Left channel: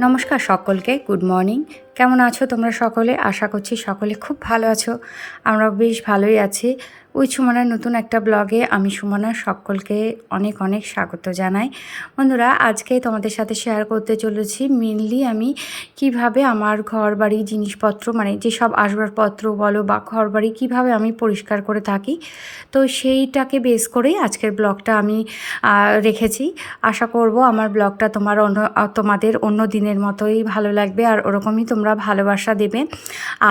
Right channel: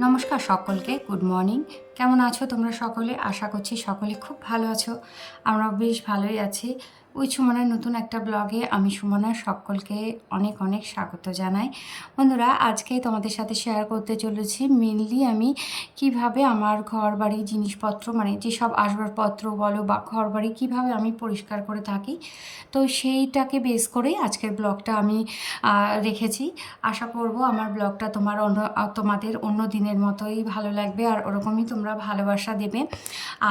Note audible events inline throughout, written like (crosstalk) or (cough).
নমস্কার সকলকে, good morning. কেমন আছো তোমরা সকলে? আশা করছি সকলে খুব ভালো আছো। আমরা বেশ ভালোই আছি। ওই সুমনার নতুন একটা ব্লগে আমি সুমনা সকলকে অনেক অনেক স্বাগত জানাই। বন্ধুরা, আজকে তোমাদের সাথে শেয়ার করতে চলেছি মেনলি আমি কীভাবে আমার ঘর বাড়ি জিনিসপত্র মানে যেসব আসবাবপত্র বলো বা ঘর বাড়ি কীভাবে আমি পরিষ্কার করে থাকি, তো সেইটাকে বেস করেই আজকের ব্লগটা আমি রেখেছি। আশা করব আমার ব্লগটা তোমার অন্য তোমাদের অন্য দিনের মতোই ভালো লাগবে আর ওরকমই তোমরা ভালোবাসা দেবে।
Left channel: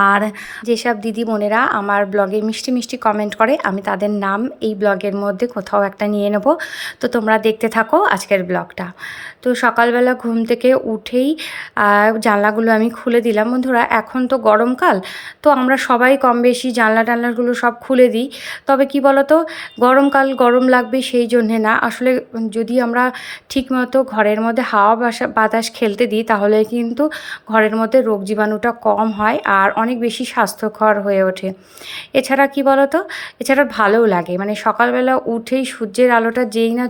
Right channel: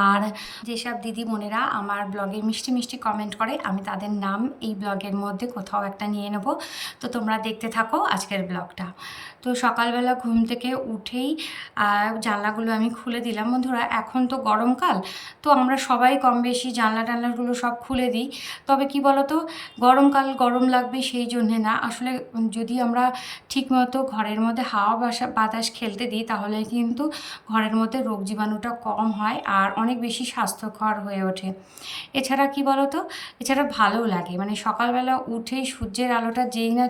আর যেসব দিদি বোনেরা আমার ব্লগে মিষ্টি মিষ্টি কমেন্ট করে আমি তাদের নাম এই ব্লগের মধ্যে কোথাও একটা নিয়ে নেব। তো তোমরা দেখতে থাকো আজকের ব্লগটা। তো সকালবেলা ঘুম থেকে উঠেই জানলাগুলো আমি খুলে দিলাম। বন্ধুরা, এখন তো গরমকাল, তো আমরা সবাই কম বেশি জানলা টানলাগুলো সব খুলে দিই। তবে কি বলতো, গরমকাল গরম লাগবে সেই জন্যে না। আসলে যদি আমরা ঠিকমতো ঘরের মধ্যে হাওয়া বাসা, বাতাস খেলতে দিই, তাহলে কিন্তু ঘরের মধ্যে রোগ জীবাণুটা কম হয় আর অনেক বেশি স্বাস্থ্যকর হয়ে ওঠে। এছাড়া কি বলতো এছাড়া ভালোও লাগে। মানে সকালবেলা উঠেই সূর্যের আলোটা যেই না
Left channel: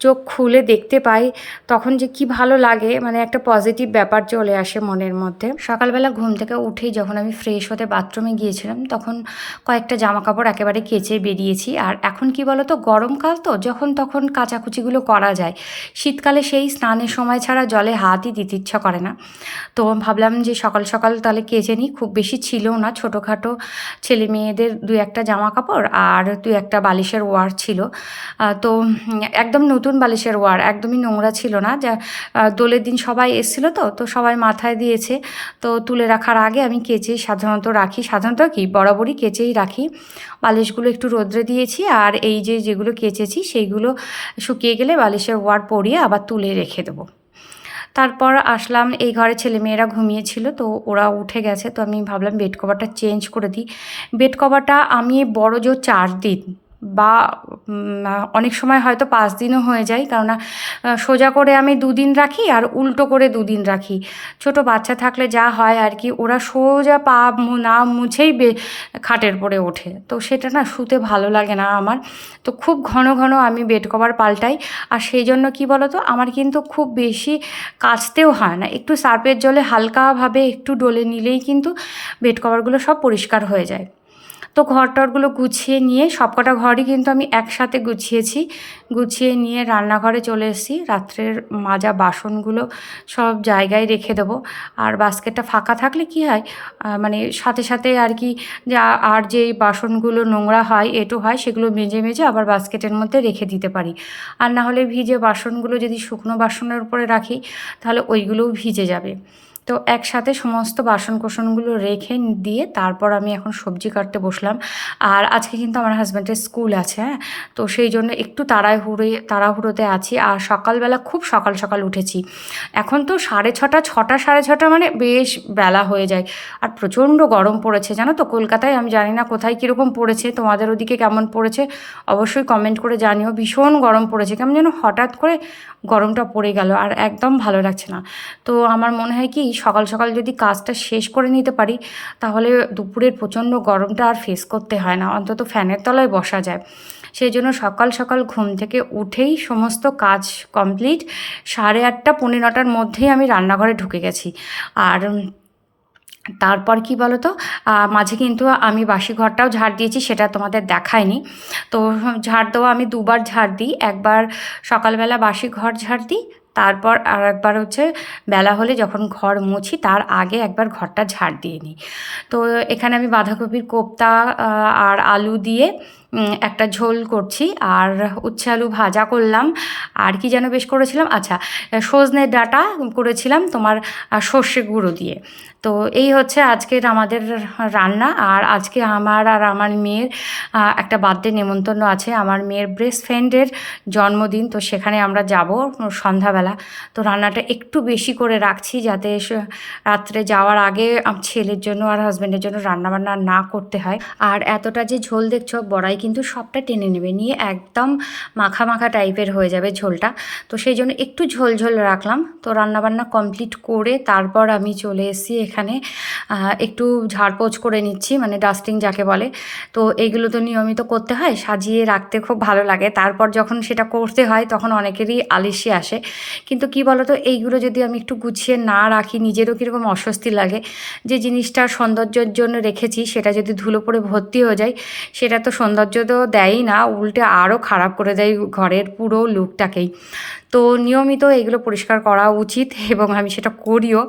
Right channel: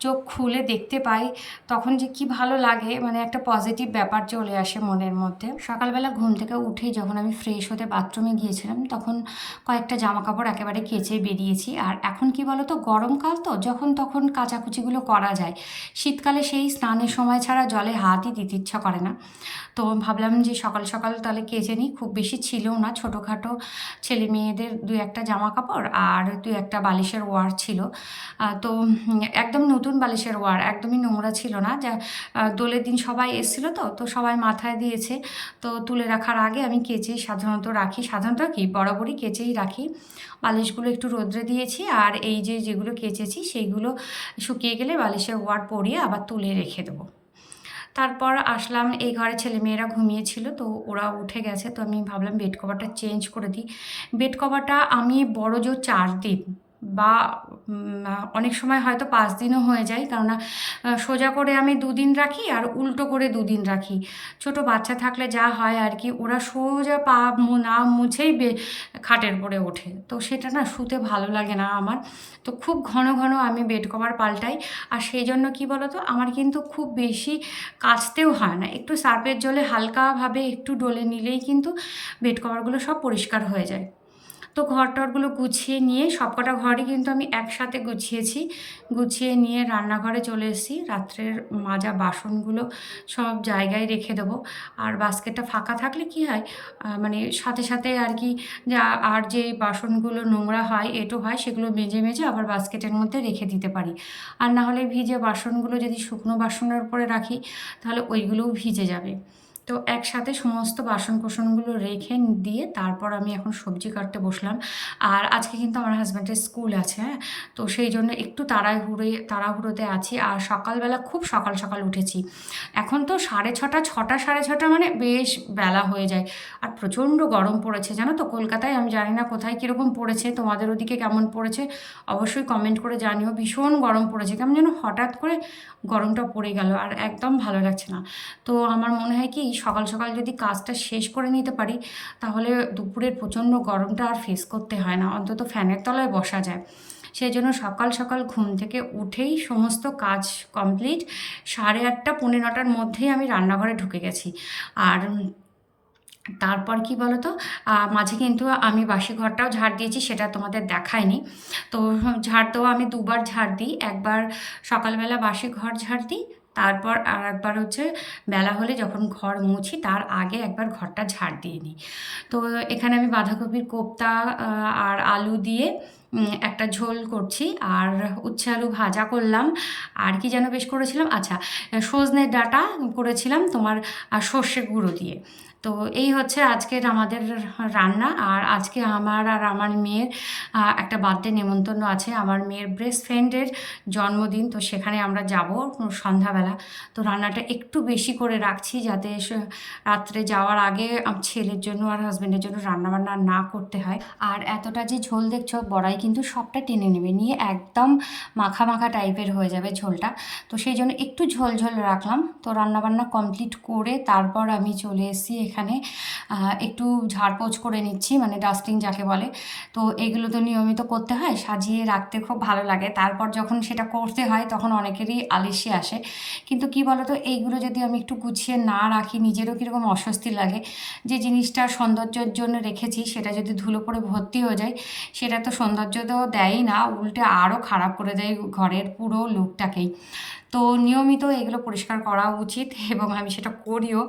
চোখ খুলে দেখতে পাই, তখন যে কি ভালো লাগে মানে একটা পজিটিভ ব্যাপার চলে আসে মনের মধ্যে। সকালবেলা ঘুম থেকে উঠেই যখন আমি ফ্রেশ হতে বাথরুমে গিয়েছিলাম, তখন কয়েকটা জামা কাপড় একেবারে কেচে বেরিয়েছি। আর এখন কি বলতো, গরমকাল তো, যখন তখন কাচাকুচিগুলো করা যায়। শীতকালে সেই স্নানের সময় ছাড়া জলে হাতই দিতে ইচ্ছা করে না। তো ভাবলাম যে সকাল সকাল তাহলে কেচে নিই। খুব বেশি ছিল না, ছোটোখাটো ছেলে মেয়েদের দু একটা জামা কাপড় আর তুই একটা বালিশের ওয়ার ছিল। তো একদম নতুন বালিশের ওয়ার, একদমই নোংরা ছিল না। যা দোলের দিন সবাই এসেছিল তো তো সবাই মাথায় দিয়েছে। তো তুলে রাখার আগে আমি কেচে সাধারণত রাখি। সাধারণত কি, বরাবরই কেচেই রাখি। বালিশগুলো একটু রোদ্রে দিয়েছি আর এই যে যেগুলো কেচেছি, সেইগুলো শুকিয়ে গেলে বালিশের ওয়ার পরিয়ে আবার তুলে রেখে দেবো। তারপর আসলাম, এই ঘরে ছেলে মেয়েরা ঘুমিয়েছিল, তো ওরা উঠে গেছে, তো আমি ভাবলাম বেড কভারটা চেঞ্জ করে দিই। বেড কভারটা আমি বড় জোর চার দিন বা অনেক সময় হয়তো পাঁচ দিনও হয়ে যায়। কারণ সোজা করে আমি দুদিন রাখি আর উল্টো করে দুদিন রাখি। ছোট বাচ্চা থাকলে যা হয় আর কি, ওরা সোজা পা না মুছেই বে, খাটের পরে ওঠে। তো সেটা না শুতে ভালো লাগে না আমার। তো খুব ঘন ঘন আমি বেড কভার পাল্টাই। আর সেই জন্য কি বলতো, আমার কিন্তু খুব বেশি কাচতেও হয় না। একটু সার্পের জলে হালকাভাবে একটু ডলে নিলেই কিন্তু বেড কভারগুলো সব পরিষ্কার হয়ে যায়। তো ঘর টরগুলো গুছিয়ে নিয়ে সবকটা ঘরই কিন্তু আমি একসাথে গুছিয়েছি। গুছিয়ে নিয়ে রান্নাঘরে চলে এসেছি। রাত্রের মাজা বাসনগুলো সব জায়গায় রেখে দেবো। আর বাস্কেটটা ফাঁকা থাকলে কি হয়? মানে সাথে সাথে আর কি যা, আর যেই বাসনগুলো নোংরা হয়, এটো হয়, সেগুলো মেজে মেজে আবার বাস্কেটের মধ্যে রেখে দিতে পারি। আর না হলে ভিজে বাসনগুলো যদি শুকনো বাসনের উপরে রাখি, তাহলে ওইগুলোও ভিজে যাবে। তো একসাথে সমস্ত বাসন কোসনগুলো রেখে দিয়ে তারপর আমি এখন সবজি কাটতে বসলাম। আর আজকে কিন্তু আমার হাজব্যান্ডের স্কুল আছে হ্যাঁ? তো সেই জন্য একটু তাড়াহুড়ো তাড়াহুড়োতে আছি। আর সকালবেলা খুব সকাল সকাল উঠেছি। এখন তো সাড়ে ছটা ছটা, সাড়ে ছটা মানে বেশ বেলা হয়ে যায়। আর প্রচণ্ড গরম পড়েছে, জানো তো? কলকাতায় আমি জানি না কোথায় কীরকম পড়েছে, তোমাদের ওদিকে কেমন পড়েছে? অবশ্যই কমেন্ট করে জানিও। ভীষণ গরম পড়েছে, কেমন যেন হঠাৎ করে গরমটা পড়ে গেল, আর একদম ভালো লাগছে না। তো আমার মনে হয় কি সকাল সকাল যদি কাজটা শেষ করে নিতে পারি, তাহলে দুপুরের প্রচণ্ড গরমটা আর ফেস করতে হয় না। অন্তত ফ্যানের তলায় বসা যায়। সেই জন্য সকাল সকাল ঘুম থেকে উঠেই সমস্ত কাজ কমপ্লিট সাড়ে আটটা পনেরো নটার মধ্যেই আমি রান্নাঘরে ঢুকে গেছি। আর তারপর কি বলো তো মাঝে কিন্তু আমি বাসি ঘরটাও ঝাড় দিয়েছি, সেটা তোমাদের দেখায়নি। তো ঝাড় দেওয়া আমি দুবার ঝাড় দিই। একবার সকালবেলা বাসি ঘর ঝাড় দিই তারপর আর একবার হচ্ছে বেলা হলে যখন ঘর মুছি, তার আগে একবার ঘরটা ঝাড় দিয়ে নিই। তো এখানে আমি বাঁধাকপির কোপ্তা আর আলু দিয়ে একটা ঝোল করছি। আর উচ্ছে আলু ভাজা করলাম। আর কি যেন বেশ করেছিলাম? আচ্ছা সজনে ডাটা করেছিলাম তোমার সর্ষে গুঁড়ো দিয়ে। তো এই হচ্ছে আজকের আমাদের রান্না। আর আজকে আমার আর আমার মেয়ের একটা বার্থডে নেমন্তন্ন আছে। আমার মেয়ের বেস্ট ফ্রেন্ডের জন্মদিন, তো সেখানে আমরা যাব সন্ধ্যাবেলা। তো রান্নাটা একটু বেশি করে রাখছি যাতে রাত্রে যাওয়ার আগে ছেলের জন্য আর হাজব্যান্ডের জন্য রান্নাবান্না না করতে হয়। আর এতটা যে ঝোল দেখছ, বড়াই কিন্তু সবটা টেনে নেবে। নিয়ে একদম মাখা মাখা টাইপের হয়ে যাবে ঝোলটা। তো সেই জন্য একটু ঝোল ঝোল রাখলাম। তো রান্নাবান্না কমপ্লিট করে তারপর আমি চলে এসেছি এখানে। এখানে একটু ঝাড়পোছ করে নিচ্ছি মানে ডাস্টিং যাকে বলে। তো এইগুলো তো নিয়মিত করতে হয়, সাজিয়ে রাখতে খুব ভালো লাগে। তারপর যখন সেটা করতে হয়, তখন অনেকেরই আলিশি আসে। কিন্তু কি বলতো, এইগুলো যদি আমি একটু গুছিয়ে না রাখি, নিজেরও কীরকম অস্বস্তি লাগে। যে জিনিসটা সৌন্দর্যের জন্য রেখেছি, সেটা যদি ধুলো পড়ে ভর্তি হয়ে যায়, সেটা তো সৌন্দর্য তো দেয়ই না, উল্টে আরও খারাপ করে দেয় ঘরের পুরো লুকটাকেই তো নিয়মিত এগুলো পরিষ্কার করা উচিত (laughs) এবং আমি সেটা করিও।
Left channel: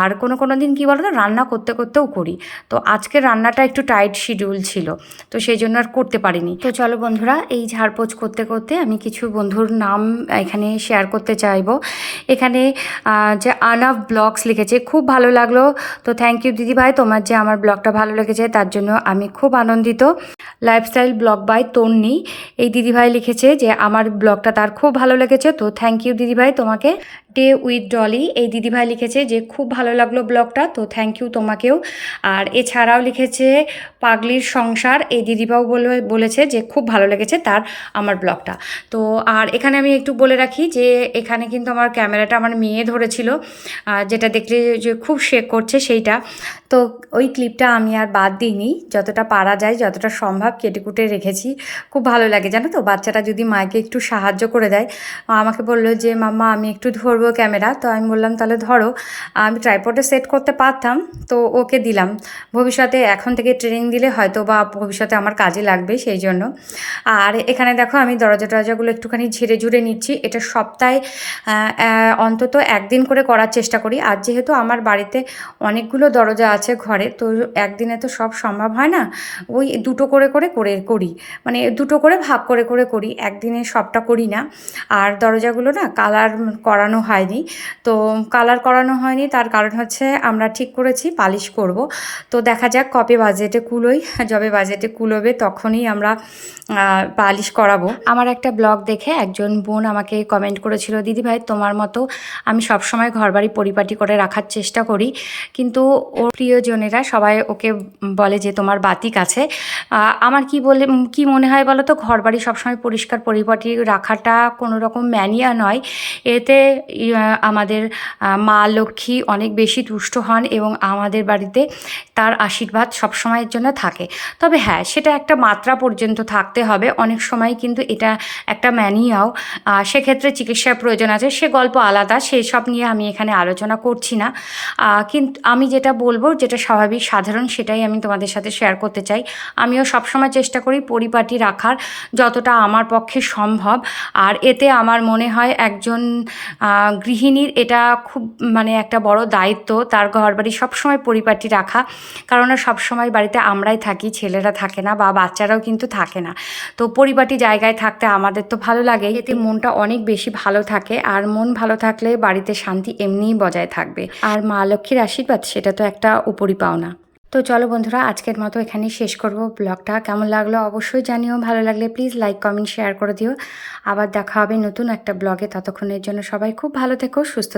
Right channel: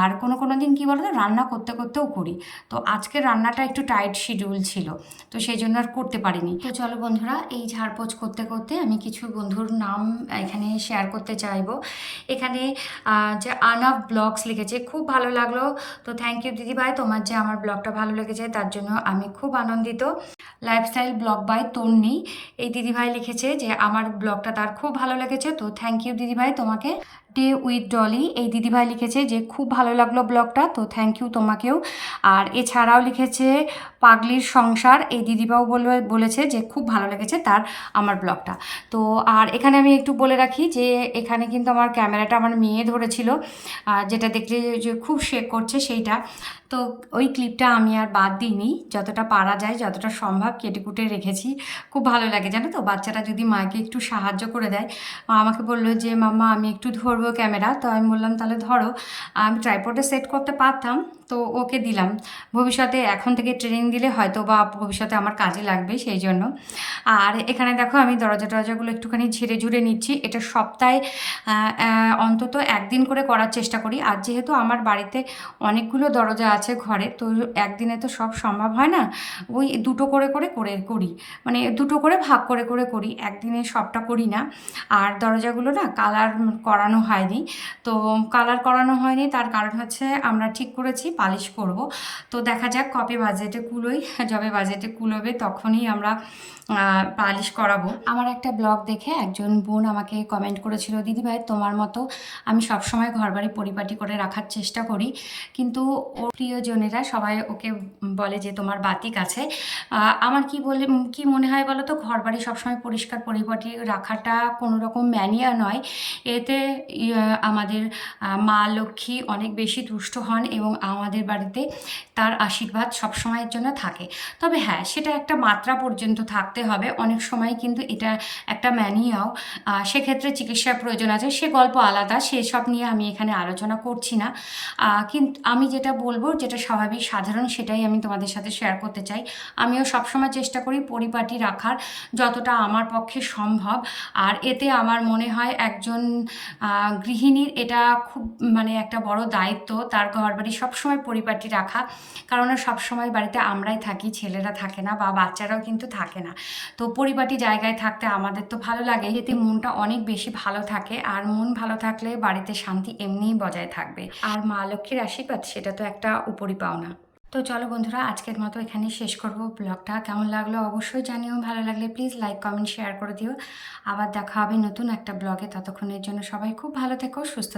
আর কোনো কোনো দিন কী বলো তো রান্না করতে করতেও করি। তো আজকে রান্নাটা একটু টাইট শিডিউল ছিল, তো সেই জন্য আর করতে পারিনি। তো চলো বন্ধুরা, এই ঝাড়পোছ করতে করতে আমি কিছু বন্ধুর নাম এখানে শেয়ার করতে চাইব। এখানে যে আনাফ ব্লগস লিখেছে, খুব ভালো লাগল। তো থ্যাংক ইউ দিদি ভাই তোমার যে আমার ব্লগটা ভালো লেগেছে, তার জন্য আমি খুব আনন্দিত। লাইফস্টাইল ব্লগ বাই তন্নি এই দিদিভাই লিখেছে যে, আমার ব্লগটা তার খুব ভালো লেগেছে, তো থ্যাংক ইউ দিদিভাই তোমাকে। ডে উইথ ডলি এই দিদিভাই লিখেছে যে, খুব ভালো লাগল ব্লগটা, তো থ্যাংক ইউ তোমাকেও। আর এছাড়াও লিখেছে, পাগলির সংসার। এই দিদিভাও বলে বলেছে যে, খুব ভালো লেগেছে তার, আমার ব্লগটা। তো আর এখানে আমি একটু বলে রাখি যে, এখানে কিন্তু আমার ক্যামেরাটা আমার মেয়ে ধরেছিল যেটা দেখলে যে, খুব শেক করছে সেইটা। তো ওই ক্লিপটা আমি আর বাদ দিইনি, যতটা পারা যায়, যতটা সম্ভব কেটে কুটে রেখেছি। খুব ভালো লাগে, জানো তো? বাচ্চাটা যদি মাকে একটু সাহায্য করে দেয় আমাকে বলল যে, মাম্মা, আমি একটু ধরবো ক্যামেরা। তো আমি বললাম, তাহলে ধরো, আমি ট্রাইপডে সেট করতে পারতাম, তো ওকে দিলাম। ভবিষ্যতে এখন থেকে ট্রেনিং দিলে হয়তো বা ভবিষ্যতে আমার কাজে লাগবে সেই জন্য। আর এখানে দেখো, আমি দরজা টরজাগুলো একটুখানি ঝেড়ে ঝুড়ে নিচ্ছি। এটা সপ্তাহে অন্তত একদিন করে করার চেষ্টা করি। আর যেহেতু আমার বাড়িতে অনেকগুলো দরজা আছে ঘরে, তো একদিনে তো সব সম্ভব হয় না? ওই দুটো করে করে করে করি। মানে দুটো করে, ভাগ করে করে করি। একদিনে সবটা করি না। আর দরজাগুলো না কালার করানো হয়নি। তো কালার করানো হয়নি, তার কারণ হচ্ছে আমরা ঠিক করেছি, পালিশ করব। তো দেখা যাক কবে বাজেটে কুলোই, যবে বাজেটে কুলোবে তখনই আমরা পালিশ করাবো। আমার একটা ব্লগ দেখে একজন বোন আমাকে কমেন্ট করেছিল, দিদি ভাই, তোমার মতো আমি সবসময় ঘরবাড়ি পরিপাটি করে রাখার চেষ্টা করি। কিন্তু ওর প্রিয়জনেরা সবাই ওকে বলে যে, তোমার বাতিক আছে। আমার কি বলে, কি মনে হয় বলো তো? ঘরবাড়ি সবসময় পরিষ্কার পরিপাটি রাখাটা কোনো রকম ম্যানিয়া নয়। এতে আমাদের মা লক্ষ্মী অনেক বেশি তুষ্ট হন এবং আমাদের বাড়িতে তার আশীর্বাদ সবসময়ের জন্য থাকে। তবে হ্যাঁ সেটা একটা মাত্রা পর্যন্ত থাকতে হবে। অনেক সময় কিন্তু এটা একটা ম্যানিয়াও। সেক্ষেত্রে চিকিৎসার প্রয়োজন আছে। সে গল্প আলাদা, সেসব নিয়ে আমি এখানে আলোচনা করছি না। কিন্তু আমি যেটা বলব, যেটা স্বাভাবিক, সাধারণ, সেটাই আমি তোমাদের সাথে শেয়ার করতে চাই। আমিও সবসময় চেষ্টা করি পরিপাটি রাখার, যতটা আমার পক্ষে সম্ভব। আর এতে আমার মনে হয় একজন গৃহিণীর এটা খুব মানে একটা বড় দায়িত্ব। তার ঘর বাড়ি সবসময় পরিপাটি রাখা। কারণ সবসময় বাড়িতে আমরাই থাকি, ছেলেরা থাকে না বা বাচ্চারাও কিন্তু থাকে না। তো পরিপাটি জায়গায় থাকতে আমাদের তো ভালো লাগে। এতে মনটা অনেক বেশি ভালো থাকে। আর মন ভালো থাকলে বাড়িতে শান্তি এমনিই বজায় থাকবে। আর মা লক্ষ্মীর আশীর্বাদ, সেটা তো একটা উপরি পাওনা তো চলো বন্ধুরা, আজকের মতো এখানেই শেষ করব ব্লগটা। কেমন লাগল অবশ্যই জানিও, ভালো লাগলে প্লিজ লাইক কমেন্ট শেয়ার করে দিও। আবার দেখা হবে নতুন একটা ব্লগে, ততক্ষণের জন্য সবাই খুব ভালো থেকো, সুস্থ